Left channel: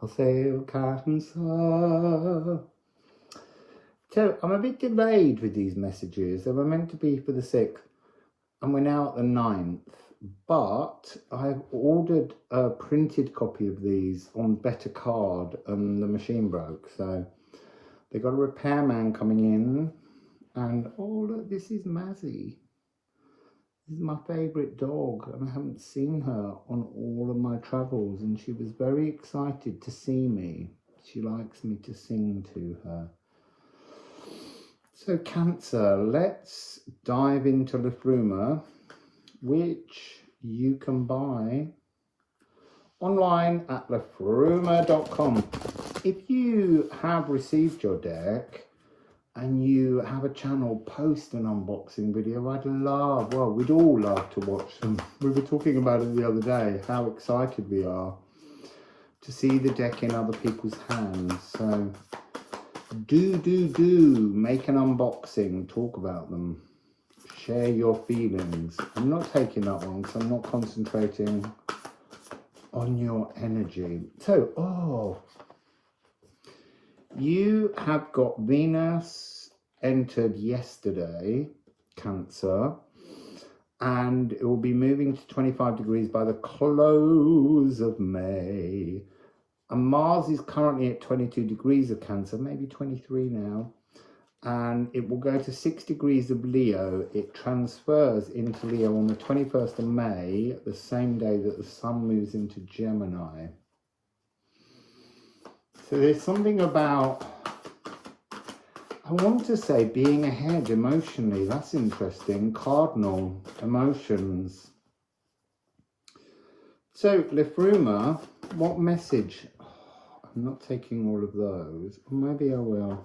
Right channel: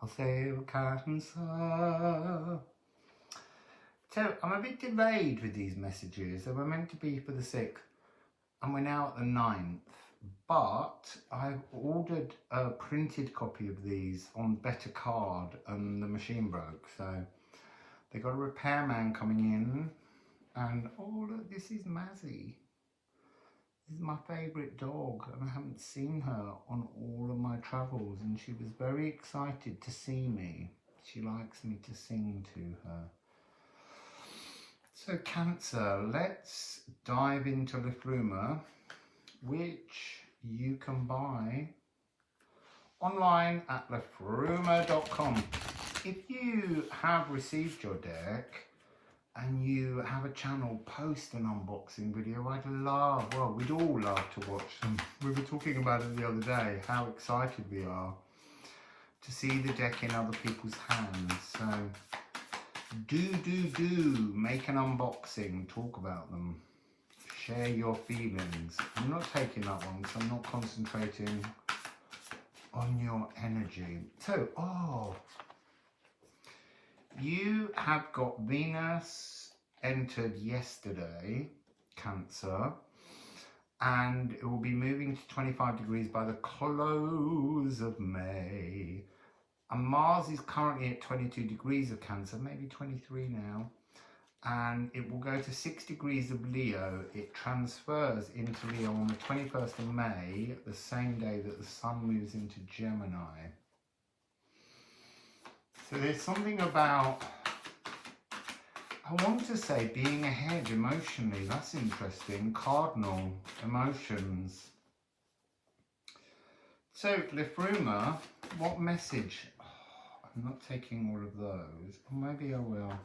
Wassail, Cancer. So I'm a bit delayed with these messages. They were meant to be for the 6th and we're now at the 9th. But I've ordered a printed copy of these on better card and the machine broke. So they got a repairman coming in and oh look, this is Mazzy. This is my favourite dog and I haven't seen her on all of my travels and she was very excited to see me. She likes me to sing to her. So Cancer, let's dive into Liffruma, which you can buy online at liffruma.com. If you have received your deck and you have a channel, post an unboxing video. I'd love, well, we'd all love to watch them. We were talking about it the other day, how excited we are to see the deck in other people's hands. So do make an unboxing, talk about them, share your feelings. I'm not taking that one because I'm not concentrating on your energy. So, you have got Venus entered yesterday, Cancer, and it will be moving to 25 degrees by the close of May. And Mars is currently at 22 degrees of Cancer, maybe 23 now. And it will go to 6 degrees of Leo. It transfers into Leo on the 21st of May, the same day that the Sun moves into Gemini. So there's something about, I want to say, being ahead emotionally. That's interesting. Cardinal emotions. So Liffruma, what message? I'm not taking all of those. Maybe I will.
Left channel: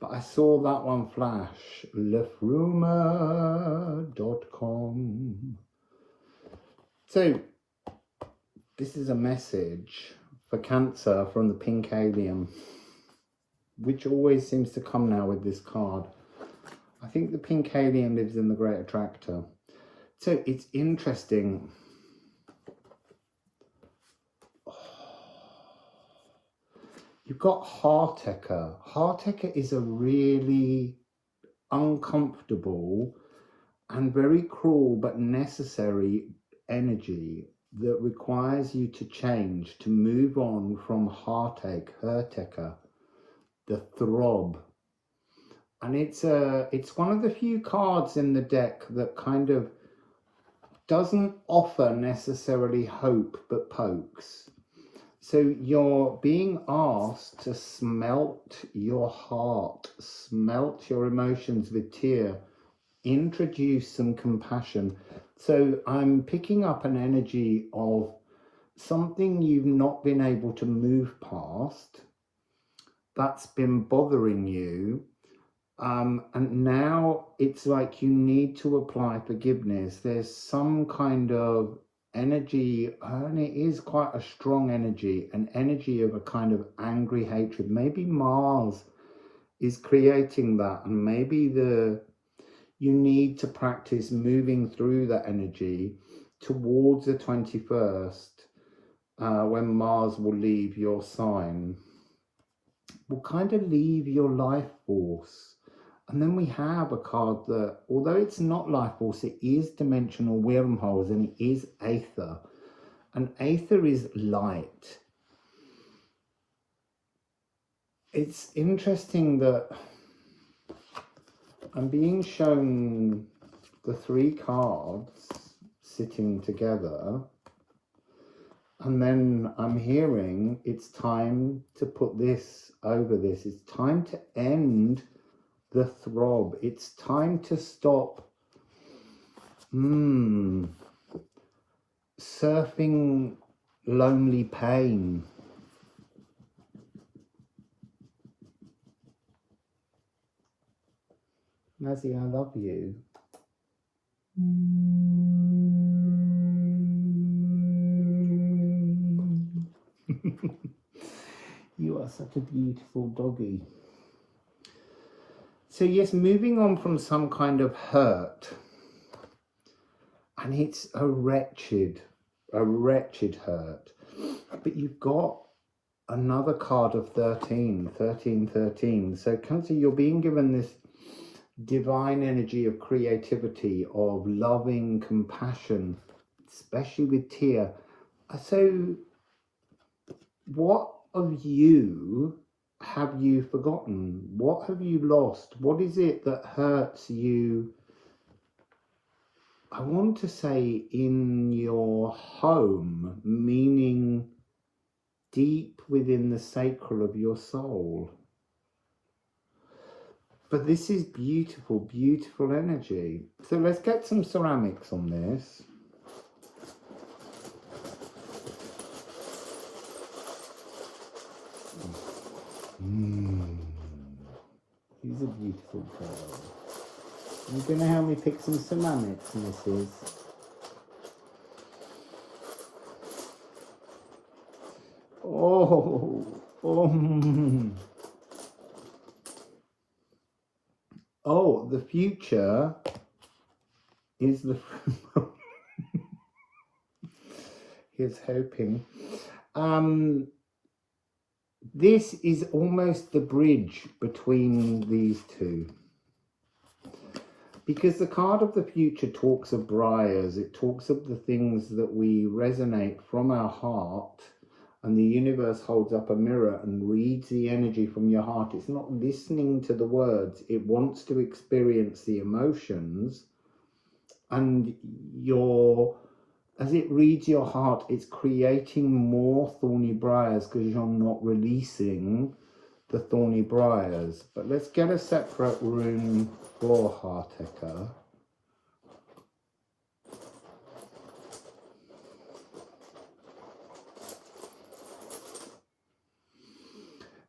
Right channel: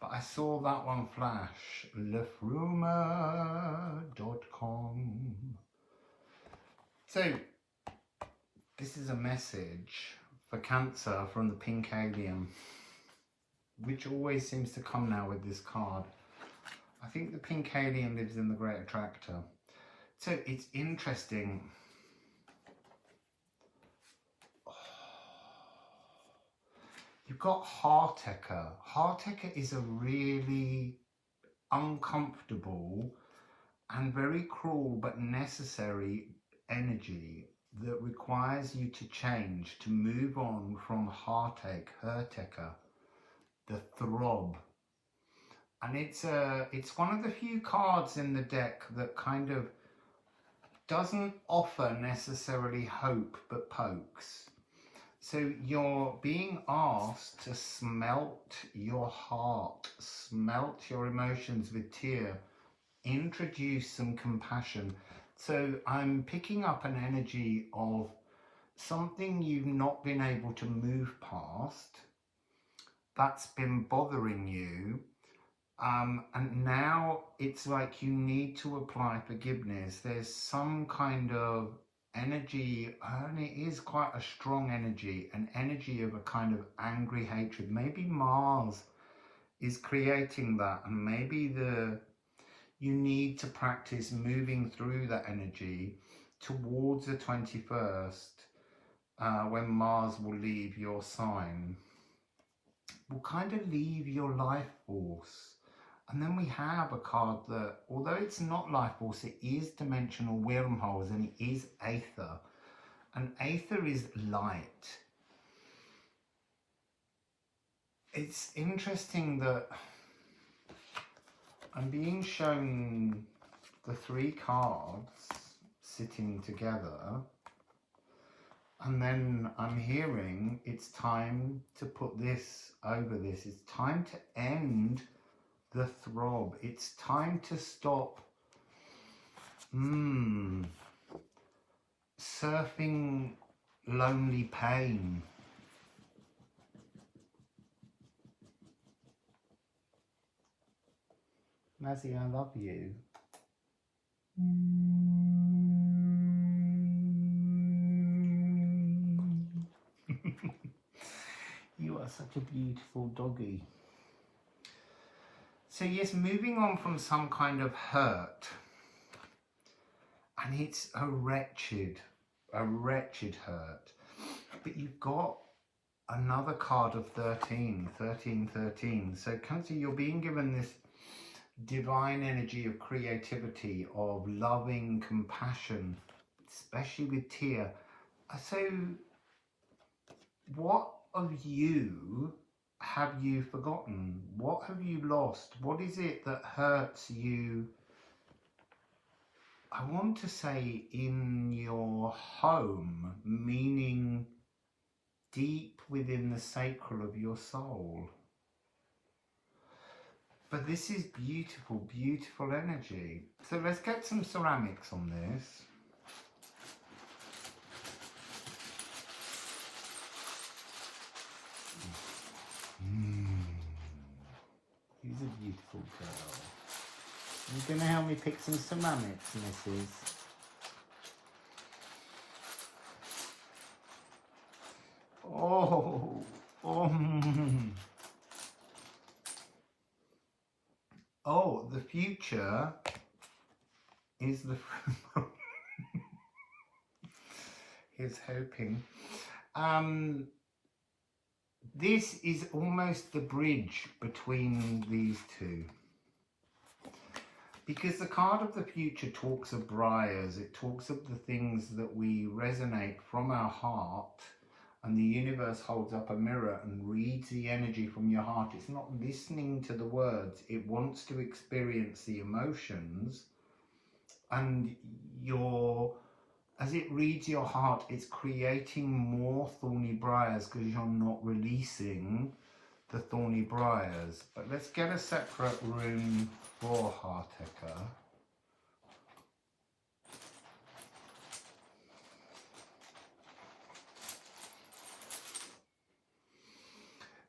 But I saw that one flash. Liffruma.com. So this is a message for Cancer from the pink alien, which always seems to come now with this card. I think the pink alien lives in the Great Attractor. So it's interesting. You've got Heartaker. Heartaker is a really uncomfortable and very cruel but necessary energy that requires you to change, to move on from heartache, Heartaker, the throb. And it's one of the few cards in the deck that kind of doesn't offer necessarily hope but pokes. So you're being asked to smelt your heart, smelt your emotions with tear, introduce some compassion. So I'm picking up an energy of something you've not been able to move past, that's been bothering you. And now it's like you need to apply forgiveness. There's some kind of energy, and it is quite a strong energy, an energy of a kind of angry hatred. Maybe Mars is creating that, and maybe you need to practice moving through that energy towards the 21st, when Mars will leave your sign, will kind of leave your life force. And then we have a card that, although it's not life force, it is dimensional wormholes and it is aether. And aether is light. It's interesting that I'm being shown the 3 cards sitting together. And then I'm hearing it's time to put this over this. It's time to end the throb. It's time to stop surfing lonely pain. Mazzy, I love you. You are such a beautiful doggy. So yes, moving on from some kind of hurt, and it's a wretched hurt. But you've got another card of 13, 13, 13. So Cancer, you're being given this divine energy of creativity, of loving compassion, especially with Tia. So what of you have you forgotten? What have you lost? What is it that hurts you? I want to say in your home, meaning deep within the sacral of your soul. But this is beautiful, beautiful energy. So let's get some ceramics on this. These are beautiful pearls. You're going to help me pick some ceramics, Mrs. Oh, oh, the future is the. Here's hoping. This is almost the bridge between these two. Because the card of the future talks of briars, it talks of the things that we resonate from our heart, and the universe holds up a mirror and reads the energy from your heart. It's not listening to the words, it wants to experience the emotions, and as it reads your heart, it's creating more thorny briars because you're not releasing the thorny briars. But let's get a separate rune for Heartaker.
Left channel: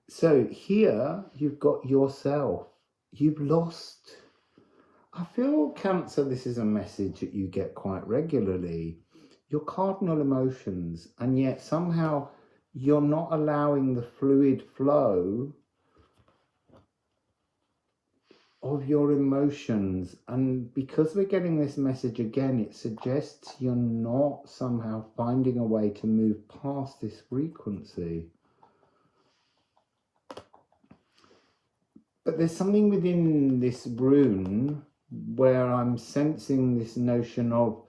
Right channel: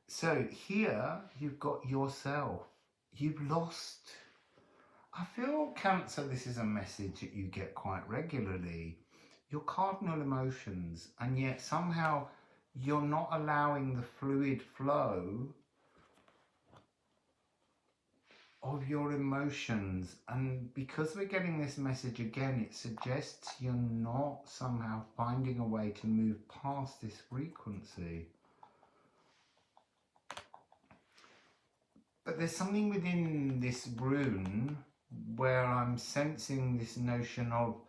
So here you've got yourself. You've lost. I feel, Cancer, this is a message that you get quite regularly. Your cardinal emotions, and yet somehow you're not allowing the fluid flow of your emotions. And because we're getting this message again, it suggests you're not somehow finding a way to move past this frequency. But there's something within this rune where I'm sensing this notion of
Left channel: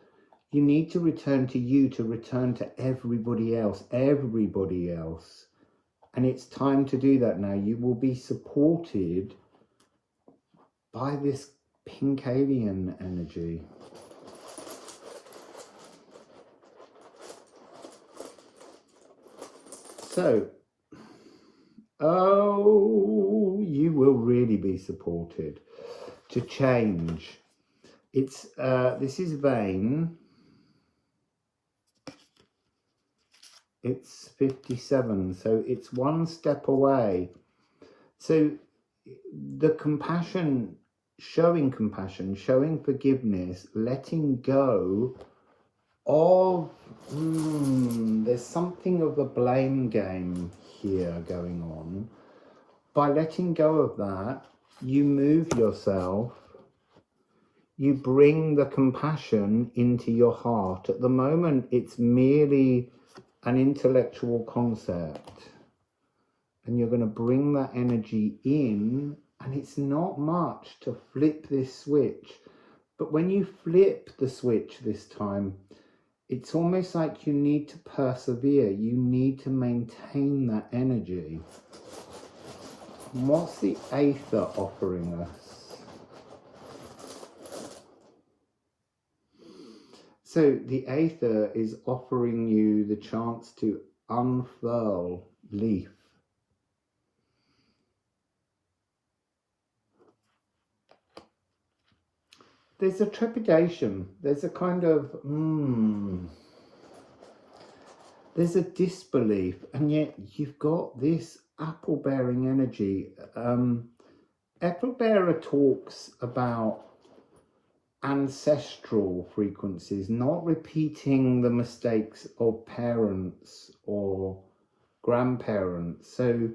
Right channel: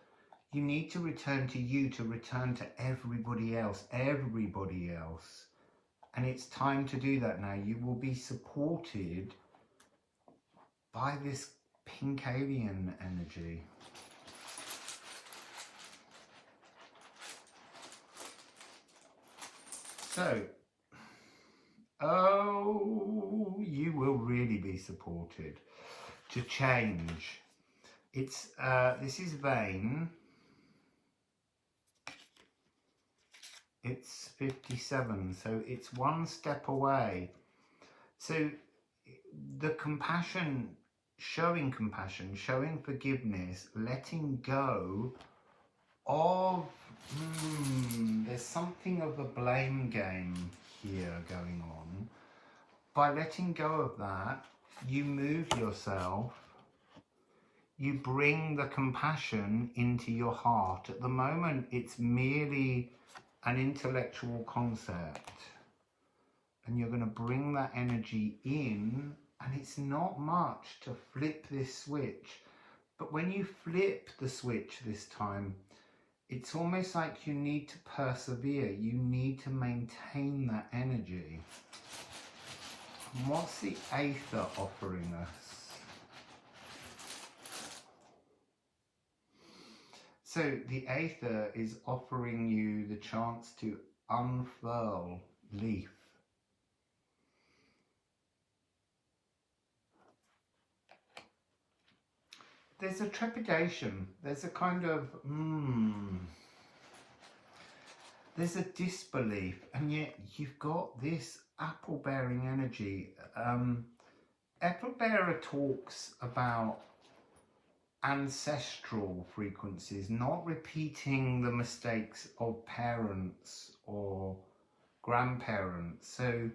you need to return to you, to return to everybody else, And it's time to do that now. You will be supported by this pink alien energy. So, you will really be supported to change. It's this is Vane. It's 57, so it's one step away. So the compassion, showing forgiveness, letting go of, there's something of a blame game here going on. By letting go of that, you move yourself, you bring the compassion into your heart. At the moment, it's merely an intellectual concept, and you're going to bring that energy in, and it's not much to flip this switch. But when you flip the switch this time, it's almost like you need to persevere. You need to maintain that energy. And what's the Aether offering us? So the Aether is offering you the chance to unfurl leaf. There's a trepidation. There's a kind of, there's a disbelief, and yet you've got this apple-bearing energy. Apple-bearer talks about ancestral frequencies, not repeating the mistakes of parents or grandparents. So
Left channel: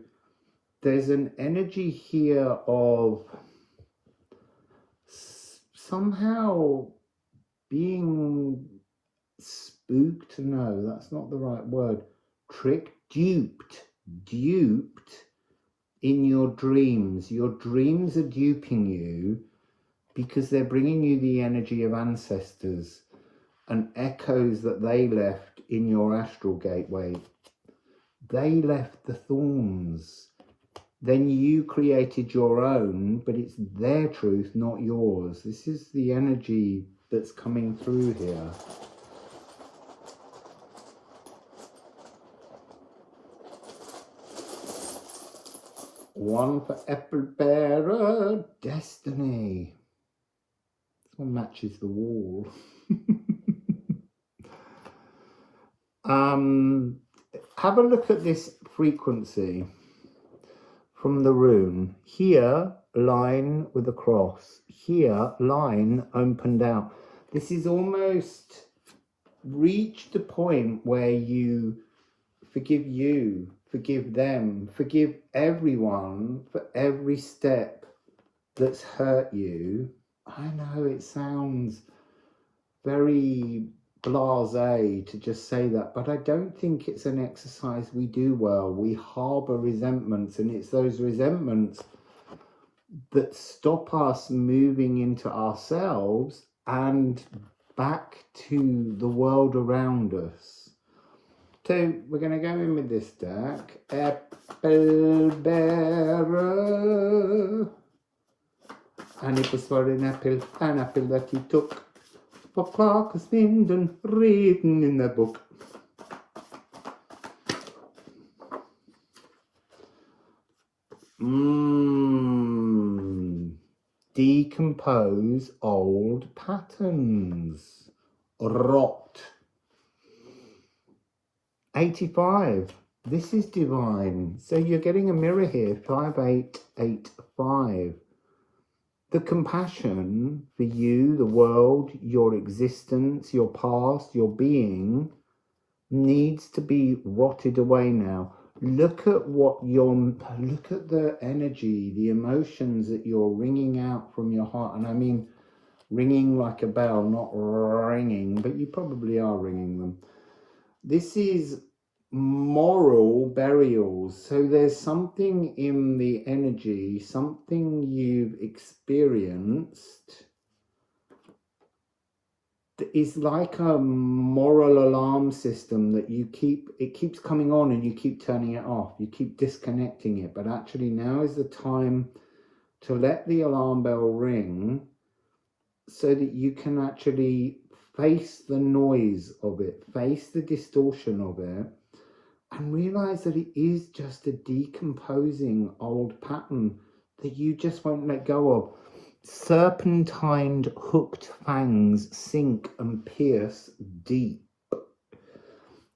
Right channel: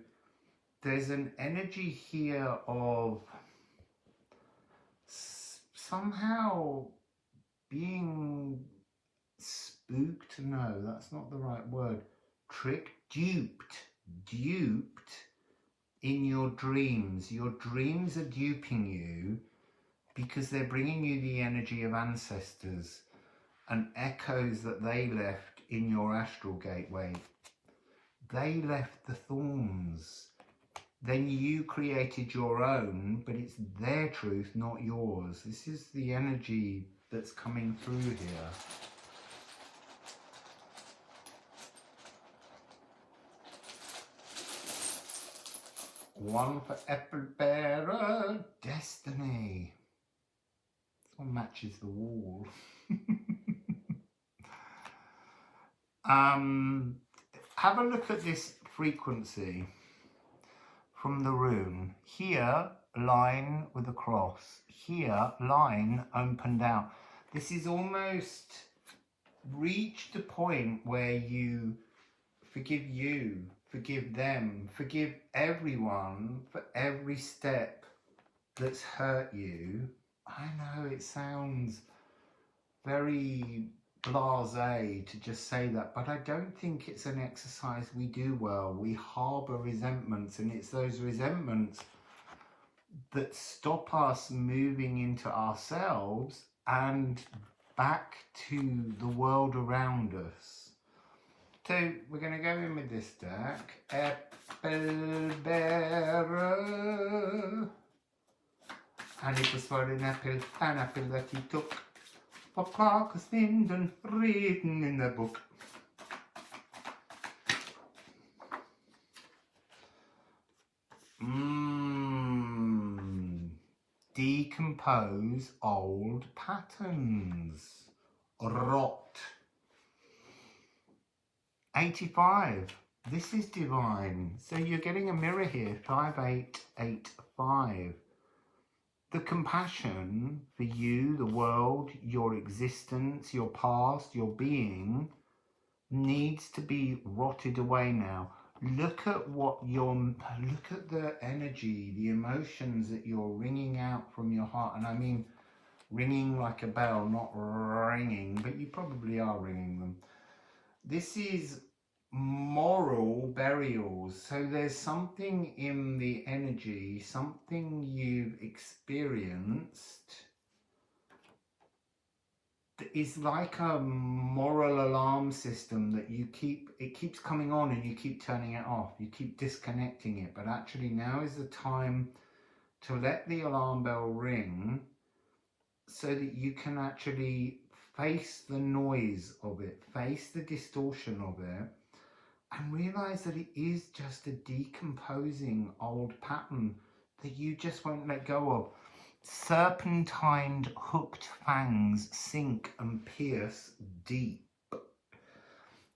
there's an energy here of somehow being spooked. No, that's not the right word. tricked, duped in your dreams. Your dreams are duping you because they're bringing you the energy of ancestors and echoes that they left in your astral gateway. They left the thorns. Then you created your own, but it's their truth, not yours. This is the energy that's coming through here. One for apple bearer, destiny. This one matches the wall. Have a look at this frequency from the rune. Here, line with a cross. Here, line opened out. This is almost reached the point where you forgive you, forgive them, forgive everyone for every step that's hurt you. I know it sounds very blasé to just say that, but I don't think it's an exercise we do well. We harbour resentments, and it's those resentments that stop us moving into ourselves and back to the world around us. So we're going to go in with this deck. Apple bearer. And it was for an apple that he took. Papa has been written in the book. Decompose old patterns. Rot. 85. This is divine. So you're getting a mirror here. 5885. The compassion for you, the world, your existence, your past, your being needs to be rotted away now. Look at look at the energy, the emotions that you're wringing out from your heart. And I mean ringing like a bell, not ringing, but you probably are ringing them. This is moral burials. So there's something in the energy, something you've experienced that is like a moral alarm system that it keeps coming on and you keep turning it off, you keep disconnecting it. But actually now is the time to let the alarm bell ring so that you can actually face the noise of it, face the distortion of it, and realize that it is just a decomposing old pattern that you just won't let go of. Serpentined hooked fangs sink and pierce deep.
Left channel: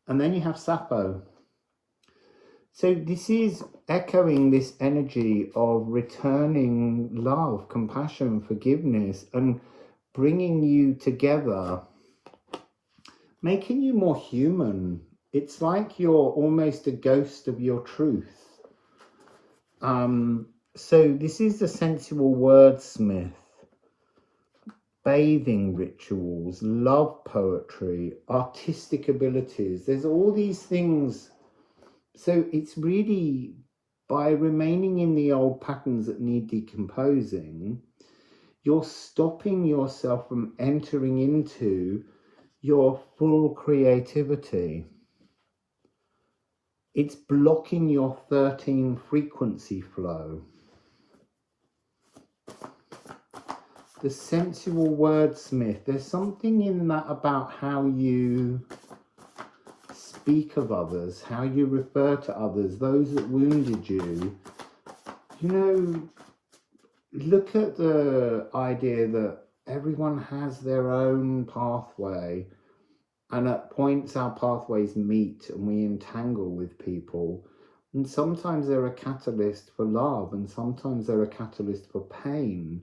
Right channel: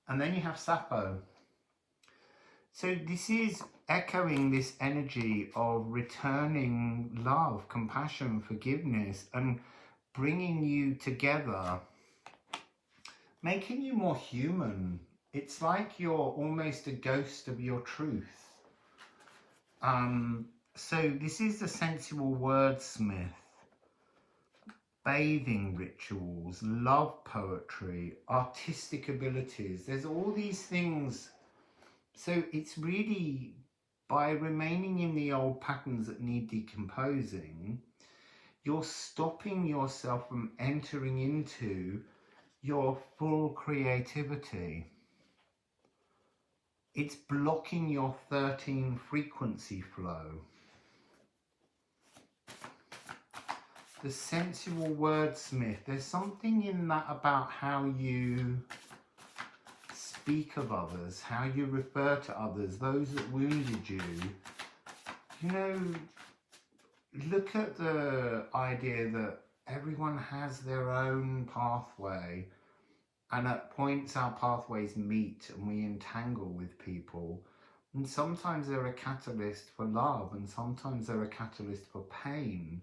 And then you have Sappho. So this is echoing this energy of returning love, compassion, forgiveness, and bringing you together, making you more human. It's like you're almost a ghost of your truth. So this is the sensual wordsmith. Bathing rituals, love poetry, artistic abilities. There's all these things. So it's really by remaining in the old patterns that need decomposing, you're stopping yourself from entering into your full creativity. It's blocking your 13 frequency flow. The sensual wordsmith, there's something in that about how you speak of others, how you refer to others, those that wounded you. You know, look at the idea that everyone has their own pathway, and at points our pathways meet and we entangle with people, and sometimes they're a catalyst for love and sometimes they're a catalyst for pain,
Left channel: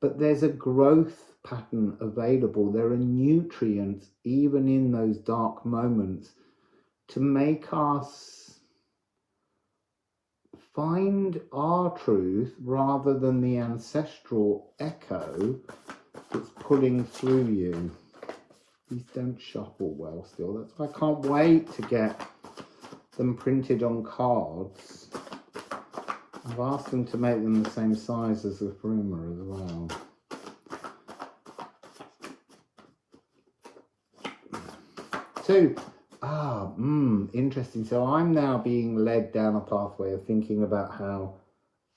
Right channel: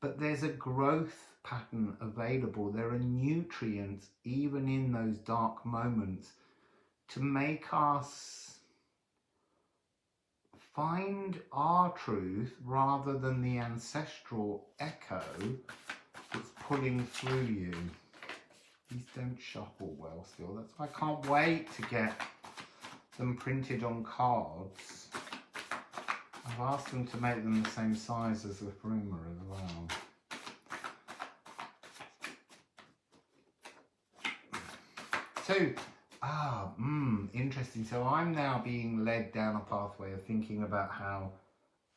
but there's a growth pattern available. There are nutrients even in those dark moments to make us find our truth rather than the ancestral echo that's pulling through you. These don't shuffle well still. That's why I can't wait to get them printed on cards. I've asked them to make them the same size as Liffruma as well. So, interesting. So I'm now being led down a pathway of thinking about how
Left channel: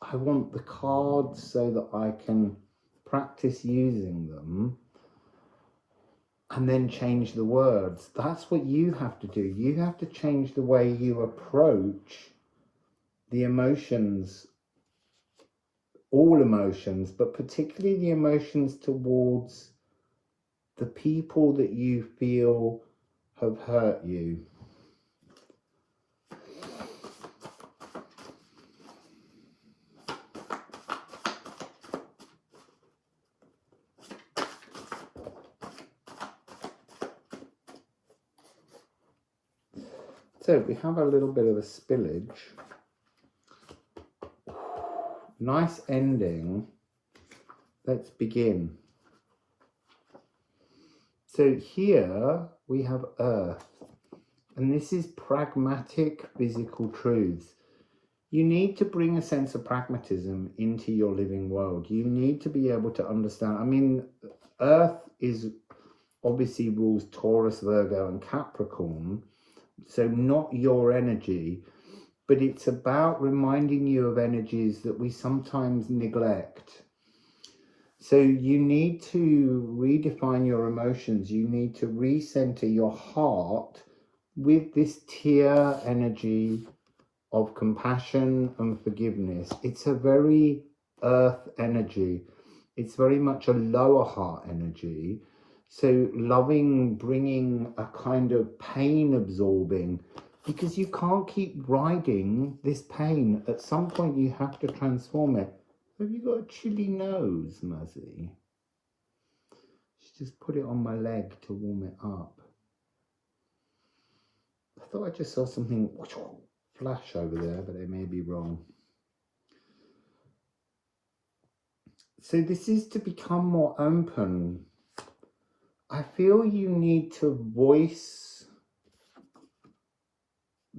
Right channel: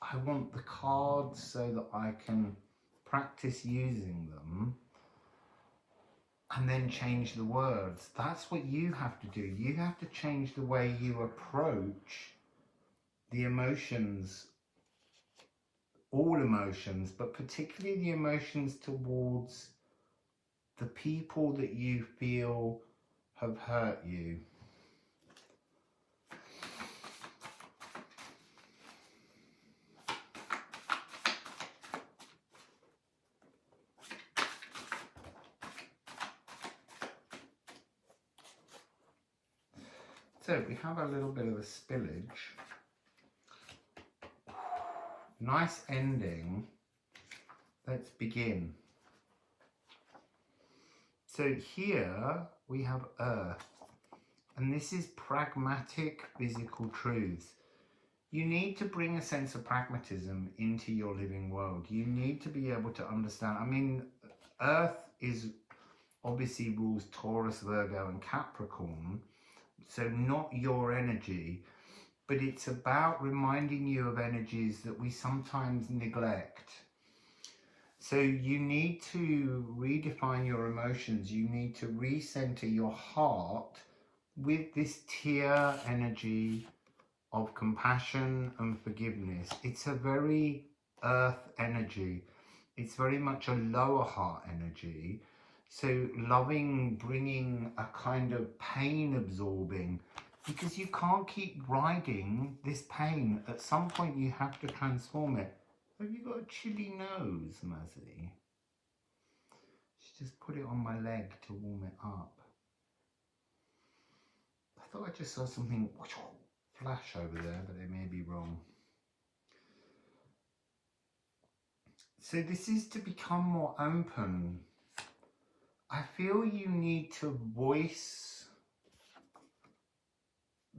I want the cards so that I can practice using them and then change the words. That's what you have to do. You have to change the way you approach the emotions, all emotions, but particularly the emotions towards the people that you feel have hurt you. So we have a little bit of a spillage. Nice ending. Let's begin. So here we have earth, and this is pragmatic physical truths. You need to bring a sense of pragmatism into your living world. You need to be able to understand. I mean, earth is obviously rules Taurus, Virgo and Capricorn, so not your energy, but it's about reminding you of energies that we sometimes neglect. So you need to redefine your emotions. You need to recenter your heart with this tier energy of compassion and forgiveness. It's a very earth energy. It's very much a lower heart energy. So loving, bringing a kind of pain absorbing, because you can't keep riding this pain. At some point you have to transform it. Have you got a chilly nose, Muzzy? She just put it on my leg to warm it up. I thought I just saw something flash over there, but I may be wrong. So this is to become more open. I feel you need to voice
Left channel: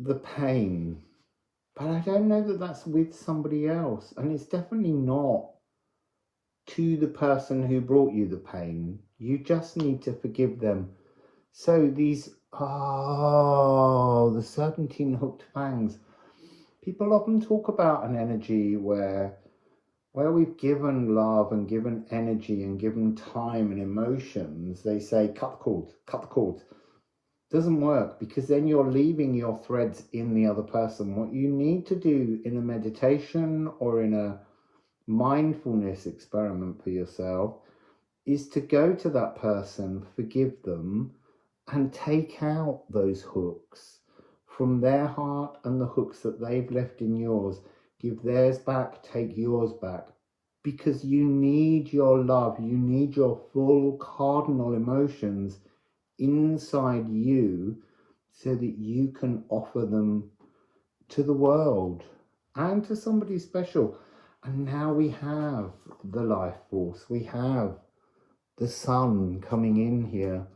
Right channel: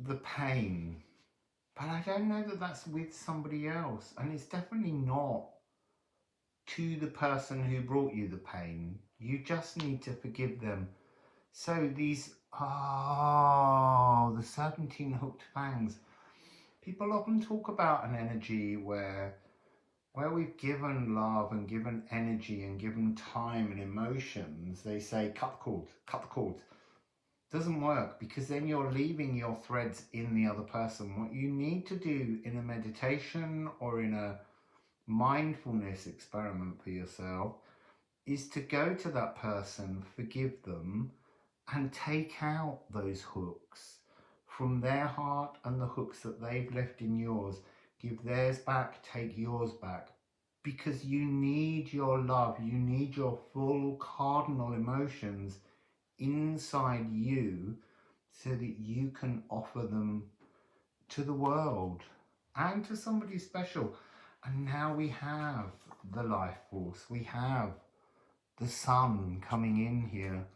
the pain, but I don't know that that's with somebody else, and it's definitely not to the person who brought you the pain. You just need to forgive them. So these, the serpentine hooked fangs. People often talk about an energy where we've given love and given energy and given time and emotions. They say, cut the cords, cut the cords. Doesn't work, because then you're leaving your threads in the other person. What you need to do in a meditation or in a mindfulness experiment for yourself is to go to that person, forgive them, and take out those hooks from their heart and the hooks that they've left in yours. Give theirs back, take yours back, because you need your love, you need your full cardinal emotions inside you so that you can offer them to the world and to somebody special. And now we have the life force, we have the sun coming in here.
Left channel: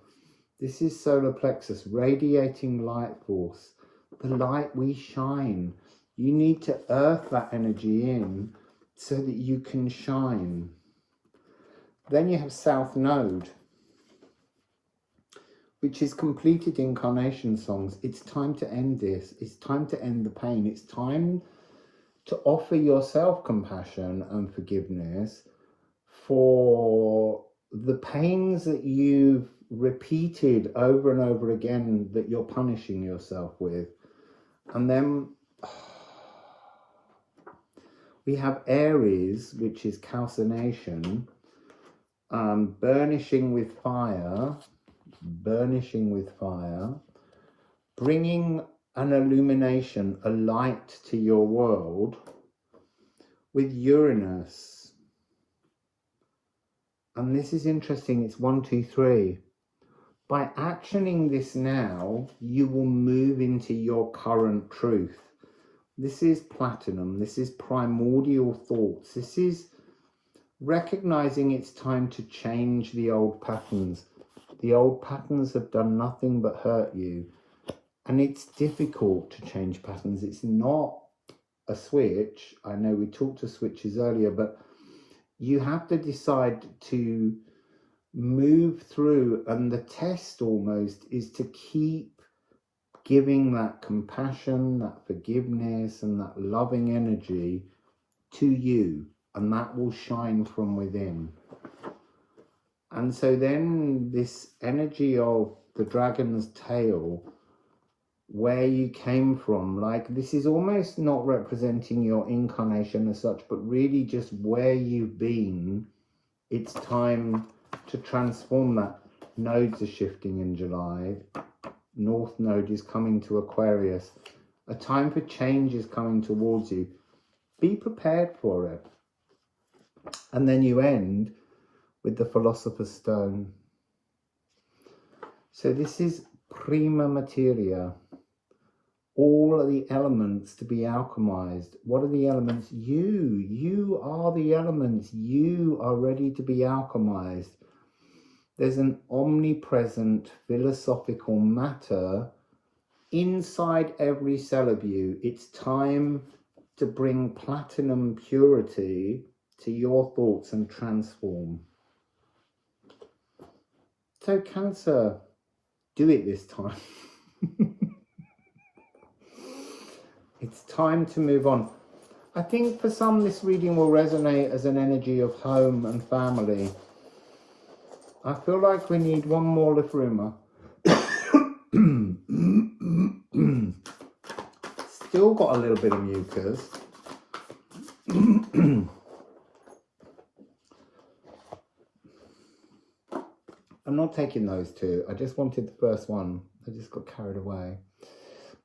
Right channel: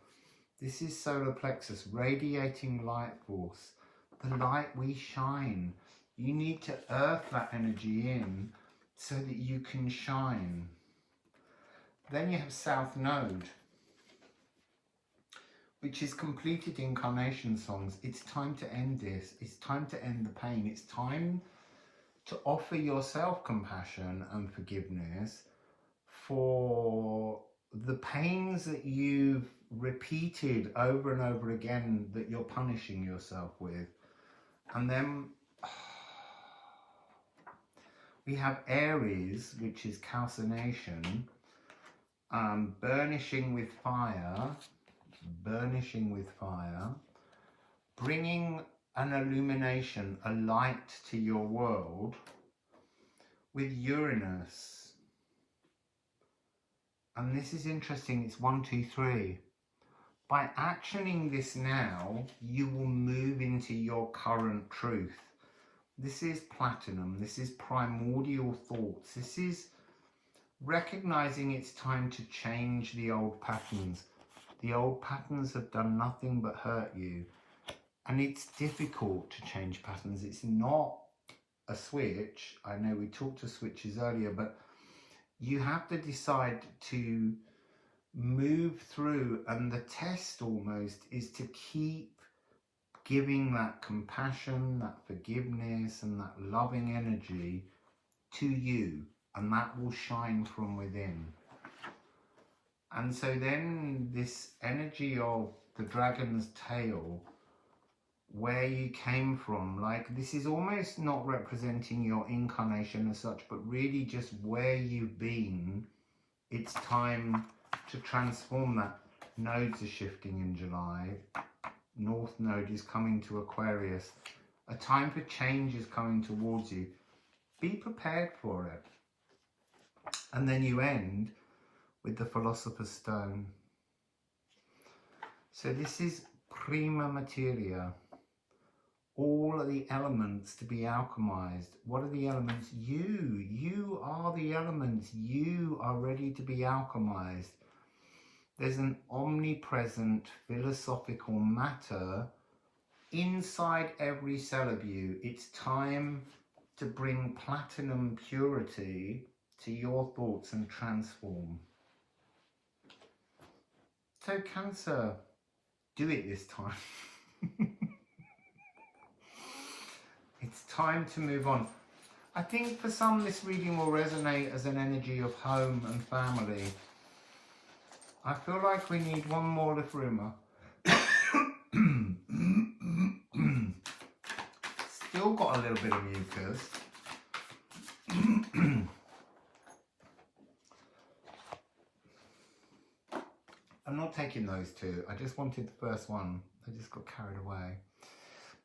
This is solar plexus, radiating light force, the light we shine. You need to earth that energy in so that you can shine. Then you have South Node, which is completed incarnation songs. It's time to end this. It's time to end the pain. It's time to offer yourself compassion and forgiveness for the pains that you've repeated over and over again that you're punishing yourself with. And then we have Aries, which is calcination, burnishing with fire, bringing an illumination, a light to your world, with Uranus. And this is interesting, it's 1, 2, 3. By actioning this now, you will move into your current truth. This is platinum, this is primordial thoughts. This is recognizing it's time to change the old patterns. The old patterns have done nothing but hurt you. And it's difficult to change patterns. It's not a switch. I know we talked to switches earlier, but you have to decide to move through, and the test almost is to keep giving that compassion, that forgiveness, and that loving energy to you, and that will shine from within. And so then this energy of the dragon's tail, where you came from, like this is almost not representing your incarnation as such, but really just where you've been. It's time to transform that. Nodes are shifting in July. North node is coming to Aquarius. A time for change is coming towards you. Be prepared for it. And then you end with the Philosopher's Stone. So this is prima materia. All of the elements to be alchemized. What are the elements? You are the elements. You are ready to be alchemized. There's an omnipresent philosophical matter inside every cell of you. It's time to bring platinum purity to your thoughts and transform. So Cancer, do it this time. It's time to move on. I think for some this reading will resonate as an energy of home and family. I feel like we need one more Liffruma. Still got a little bit of mucus. I'm not taking those two. I just wanted the first one. I just got carried away.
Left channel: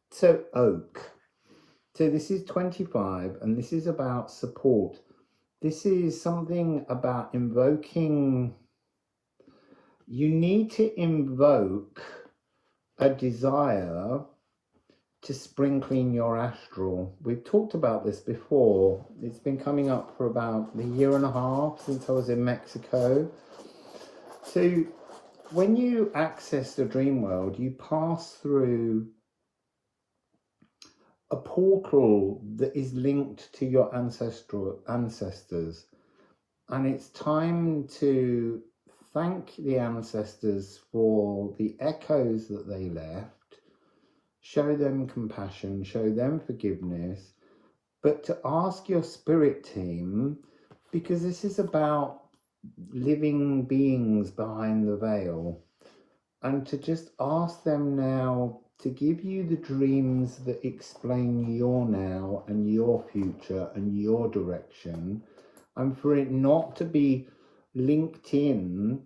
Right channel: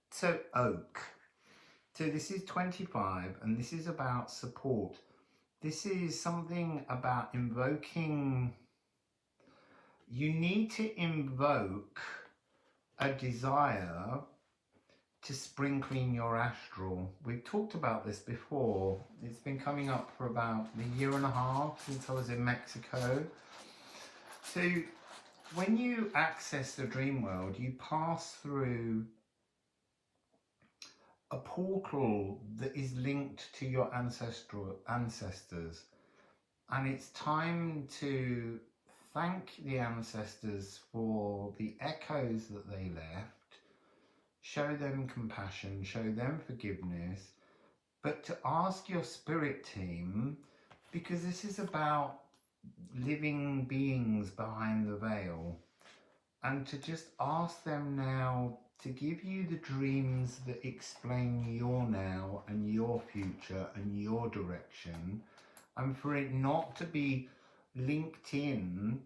So Oak. So this is 25 and this is about support. This is something about invoking. You need to invoke a desire to spring clean your astral. We've talked about this before. It's been coming up for about a year and a half since I was in Mexico. So when you access the dream world, you pass through a portal that is linked to your ancestors. And it's time to thank the ancestors for the echoes that they left, show them compassion, show them forgiveness, but to ask your spirit team, because this is about living beings behind the veil, and to just ask them now to give you the dreams that explain your now and your future and your direction, and for it not to be linked in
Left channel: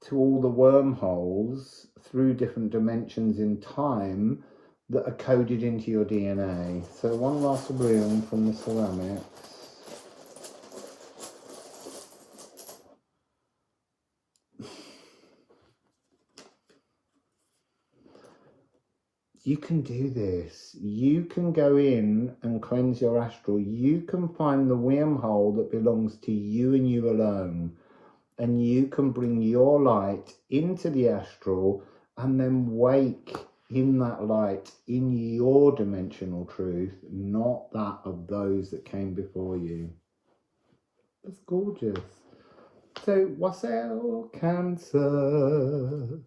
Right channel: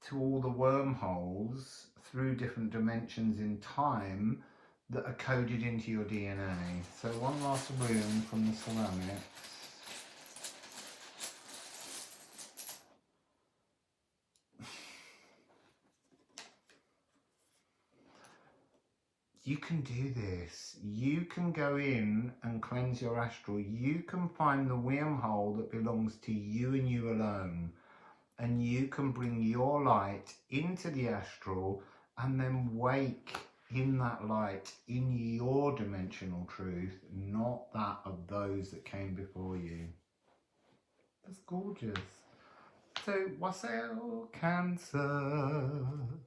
to all the wormholes through different dimensions in time that are coded into your DNA. So one last rune from the ceramics. You can do this. You can go in and cleanse your astral. You can find the wormhole that belongs to you and you alone. And you can bring your light into the astral and then wake in that light in your dimensional truth, not that of those that came before you. That's gorgeous. So, Wassail, Cancer.